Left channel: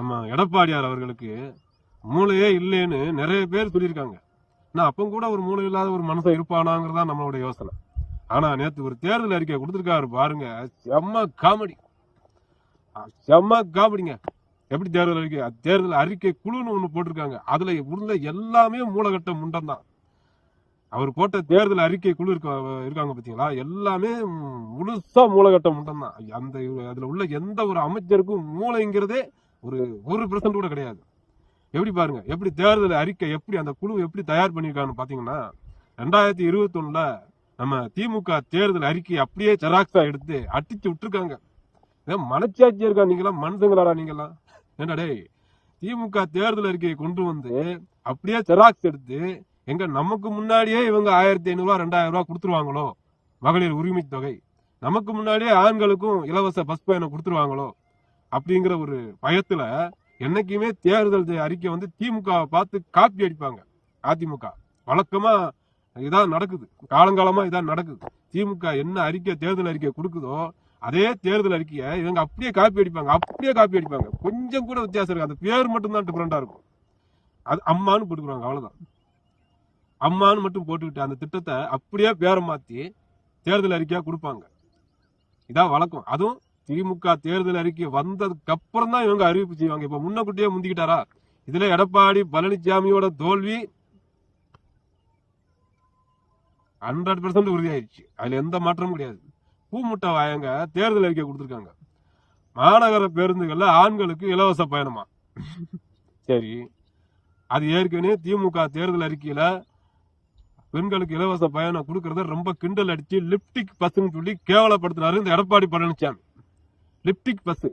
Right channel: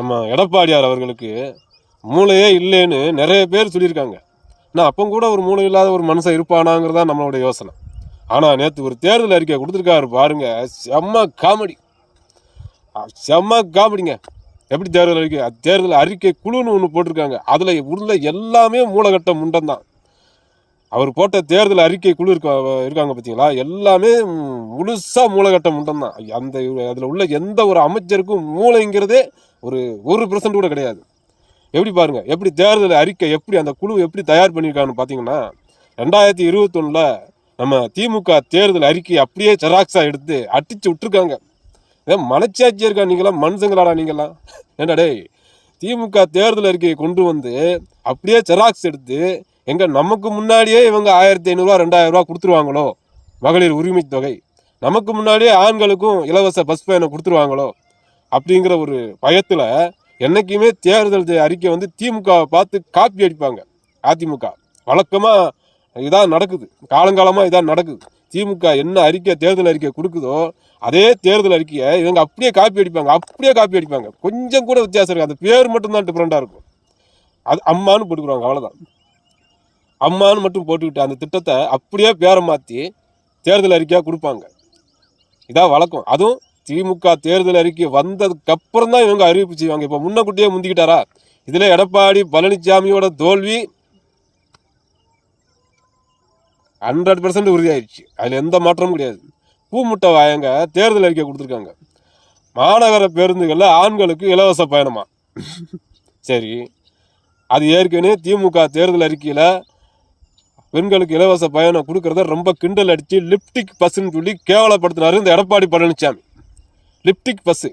நம்ம எடப்பாடியார் அவர்களுக்கு மூளையே இல்லைன்னு நிறைய பேர் சொல்லியிருக்காங்க. நான் அப்போ கூட ஒரு மூளை இல்லாத ஒரு மனுஷன் இருப்பானாங்கிறதா நம்மளோட யோசனை. ஆனால் நேற்று ஒரு தேர்தல் அறிக்கை கொடுத்துருக்காரு பாருங்க, செம்ம காமெடி, செம்ம காமெடிங்க. எப்படி தேர்தல் அறிக்கை குழுன்னு ஒன்று போட்டிருக்காங்க. அதில் உள்ள எல்லாமே மூலகட்ட முண்டம் தான். அவர் போட்ட தேர்தல் அறிக்கை குழு இருக்காங்க பார்த்தீங்களா, எல்லாமே முழுசா மூலகட்ட முண்டம் தான். அதில் உள்ள எந்த ஒரு அமைச்சருக்கும் மூளைங்கிறதே ஒரு 1% கூட கிடையாது. எப்படி பாருங்க, எப்படி தேர்தல் அறிக்கை எப்படி அந்த குழு எப்படி தயார் பண்ணியிருக்காங்கன்னு பார்த்தீங்கன்னா, 2021 நம்ம திமுக தேர்தல் அறிக்கை அப்படியே ஜெராக்ஸா எடுத்து அடிச்சு விட்டுருக்காங்க. ஏன் மனச்சாட்சியா இருக்கா நீங்களாம்? மனுஷங்களாடா நீங்களாம்? ஏண்டா டேய், திமுக தேர்தல் அறிக்கையை கொண்டு வந்து அப்படியே ஜெராக்ஸ் எடுத்து எங்க நமக்கு முன்னாடியே இவங்க 1500 2000 கொடுத்துருவாங்களோ மகளிர் உரிமை தொகை, நமக்கு முன்னாடியே ஆண்களுக்கும் இலவச பஸ் பயணம் கொடுத்துருவாங்களோ அப்படிங்கிற ஒரு பயத்துல என்னைக்குமே தேர்தல் அறிக்கை வந்து திமுக பார்த்து காப்பி அடிப்பாங்க. அதிமுக வழக்கமா இதான் நடக்குது, காலங்காலமா இதான் நடக்குது. திமுக என்ன அறிக்கை தேர்தல் அறிக்கை கொடுக்குதோ அதே தேர்தல் அறிக்கையை இவங்க அப்படியே காப்பி அடிப்பாங்க. கொஞ்சம் கூட வித்தியாசம் இருக்கு, அந்த பேர் மட்டும்தான் டிஃப்ரெண்டா இருக்கும். அது அம்மான்னு போட்டுக்குறாங்க, அவ்வளவுதான். அம்மான்னு மட்டும் போட்டுக்கிட்டு அந்த திட்டத்தை அப்படியே பேரை மாற்றி தேர்தல் அறிக்கையாக கொடுப்பாங்க. இதான் வழக்கம். அதுவும் திமுக தேர்தல் அறிக்கை வந்ததுக்கு அப்புறம் தான் இவங்க அறிவிப்பு செய்வாங்க. இப்போ முன்னக்கூட்டியே முந்திக்கிட்டாரா? இதுல எடப்பாடி பழனிசாமியோட தோல்வி 100% உறுதியாயிடுச்சு. அதுல எந்த மாற்றமும் கிடையாது. பூமுட்டை வாயங்க தேர்தல் அறிக்கை கொடுத்துருக்காங்க. மாநகர பேருந்துகள்ல ஆண்களுக்கு இலவச பயணமா? சரி, அது ஏற்கனவே திமுக தேர்தல் அறிக்கையில பெண்களுக்கு இலவச பயணம் கொடுக்கறத ரொம்ப கிண்டல் அடிச்சு லிப்டிக் பஸ்ன்னு சொல்லி கேவலப்படுத்தினாரு இந்த எடப்பாடி பழனிசாமி. லிப்டிக் பஸ்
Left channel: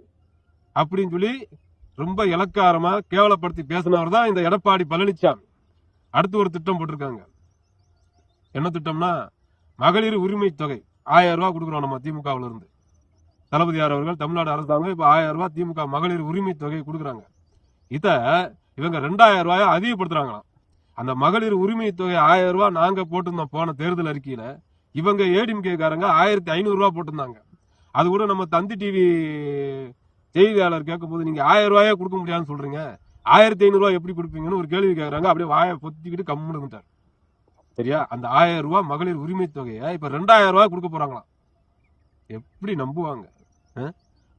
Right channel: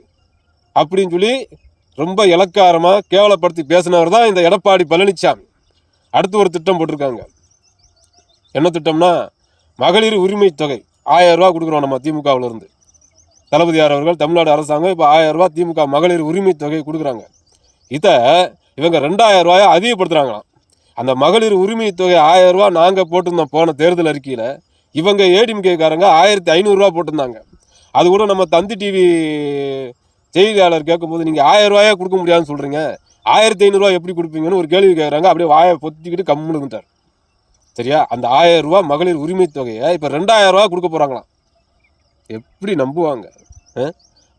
அப்படின்னு சொல்லி ரொம்ப இலக்காரமா கேவலப்படுத்தி பேசினவர் தான் இந்த எடப்பாடி பழனிசாமி. அடுத்து ஒரு திட்டம் போட்டிருக்காங்க. என்ன திட்டம்னா, மகளிர் உரிமை தொகை 1000 ரூபா கொடுக்குறோம் நம்ம திமுகவுல இருந்து. தளபதியார் அவர்கள், தமிழ்நாடு அரசாங்கம் இப்போ 1000 ரூபா திமுக மகளிர் உரிமை தொகை கொடுக்குறாங்க. இதை இவங்க 2000 ரூபாயை அதிகப்படுத்துறாங்களாம். அந்த மகளிர் உரிமை தொகை 1000 ரூபா நாங்க போட்டிருந்தோம் போன தேர்தல் அறிக்கையில. இவங்க ஏடிஎம்கேக்காரங்க 1500 ரூபா போட்டிருந்தாங்க. அது கூட நம்ம தந்தி டிவி செய்தியாளர் கேட்கும்போது, நீங்க 1000 ரூபாயா கொடுக்க முடியாதுன்னு சொல்றீங்க, 1500 ரூபாய் எப்படி கொடுப்பீங்கன்னு ஒரு கேள்வி கேட்கறாங்க. அப்படியே வாயை பொத்திக்கிட்டு கம்முனுட்டார். சரியா? அந்த 1000 ரூபாய் மகளிர் உரிமை தொகையை இப்ப 2000 ரூபாய் கொடுக்க போறாங்களாம். எப்படி நம்புவாங்க?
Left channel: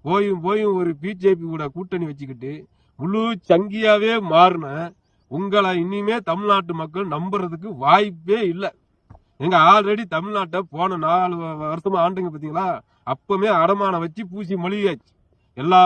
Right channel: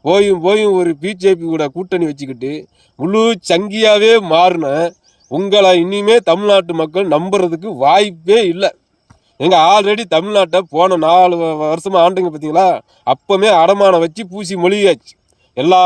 போயும் ஒரு பிஜேபி கூட கூட்டணி வச்சுக்கிட்டு முழு சங்கியாவே மாறின உங்களை இனிமே தமிழ்நாட்டு மக்கள் நம்புறதுக்கு வாய்ப்பே இல்லை. எங்க ஆல்ரெடி தமிழ்நாட்டை போன 4 வருஷமா ஆண்டுங்க பார்த்தீங்களா, அப்பமே அடமானம் வச்சு பூசி மொழியாச்சு. எல்லா